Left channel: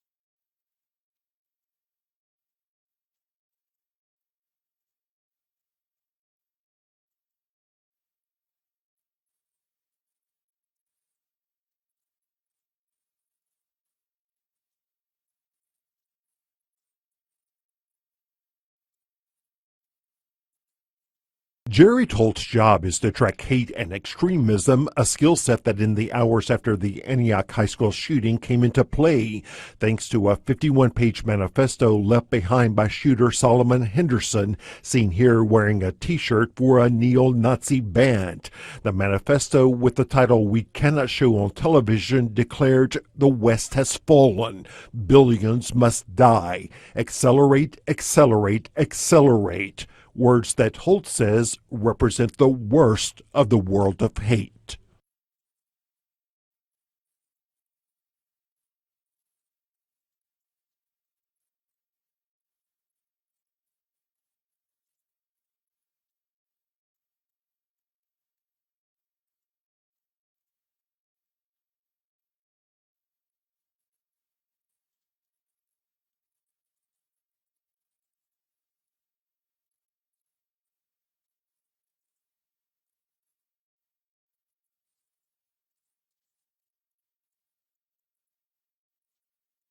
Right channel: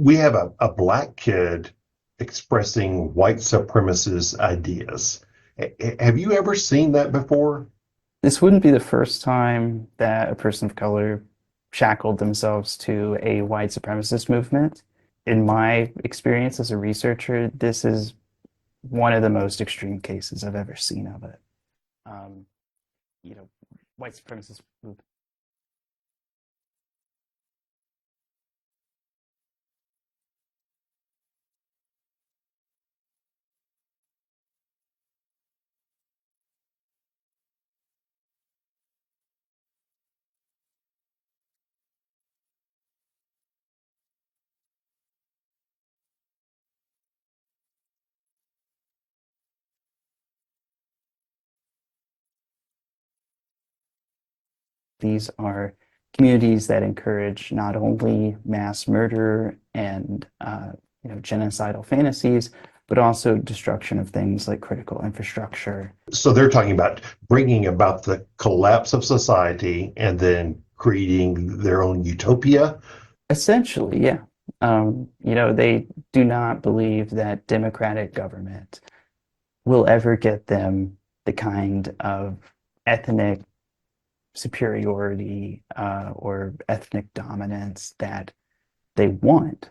we have a black kid expressing white supremacist ideas. Have you ever seen that before? This wouldn't be the first time that a person of color shackled themselves to a white supremacist movement. In my experience as a researcher, this is one of the most extreme cases I've ever seen of it. Jerry Tolt's job is to track hate and extremism, a skill set that in the hours after the Antioch High School shooting came into play, thanks to a 51-page manifesto left behind by shooter Solomon Henderson, seen here wearing a t-shirt for a neo-Nazi band. The manifesto, with the title "We Cannot Show on Television," declared the West has fallen. Billions must die. Accelerate, accelerate, accelerate. Words that Holt says represent the worst of the world of hate. These are communities that encourage not only mass murder and genocidal fantasies, but also destruction of things like critical infrastructure. So they're talking about bringing about the collapse of society and then creating their own utopia. Essentially, yeah. They do not believe that democratic government will ever get them the kind of ethnic superiority or ethnic dominance that they want.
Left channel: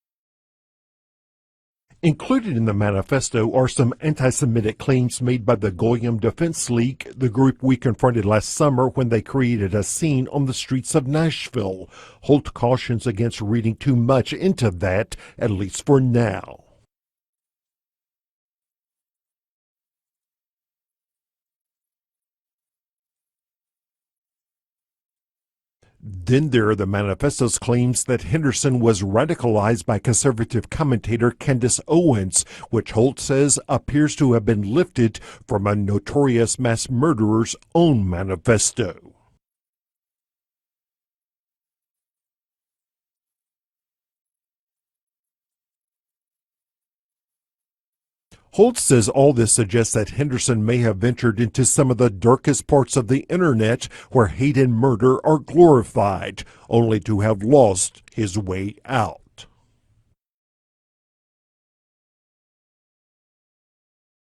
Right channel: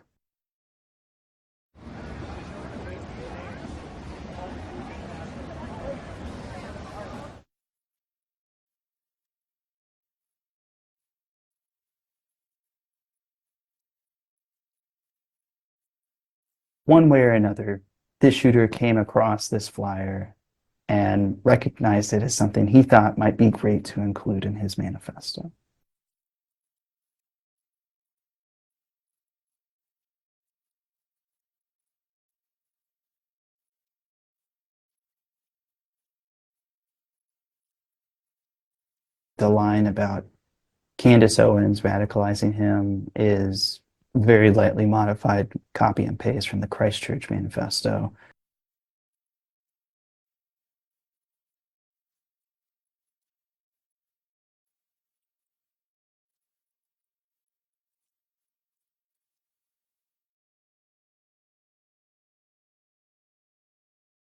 Included in the manifesto are some anti-Semitic claims made by the Goyim Defense League, the group we confronted last summer when they created a scene on the streets of Nashville. Holt cautions against reading too much into that, at least for now. One way or another, this shooter came across this flyer and recognized it as something he thought might be great to include in his manifesto. Then there are the manifesto's claims that Henderson was radicalized by conservative commentator Candace Owens, which Holt says appears to have been lifted from a notorious mass murderer's own manifesto. The line about Candace Owens radicalizing him is very lightly modified copy and paste from the Christchurch manifesto. Holt says all this suggests that Henderson may have ventured into some of the darkest parts of the internet where hate and murder are glorified, only to have lost his way out.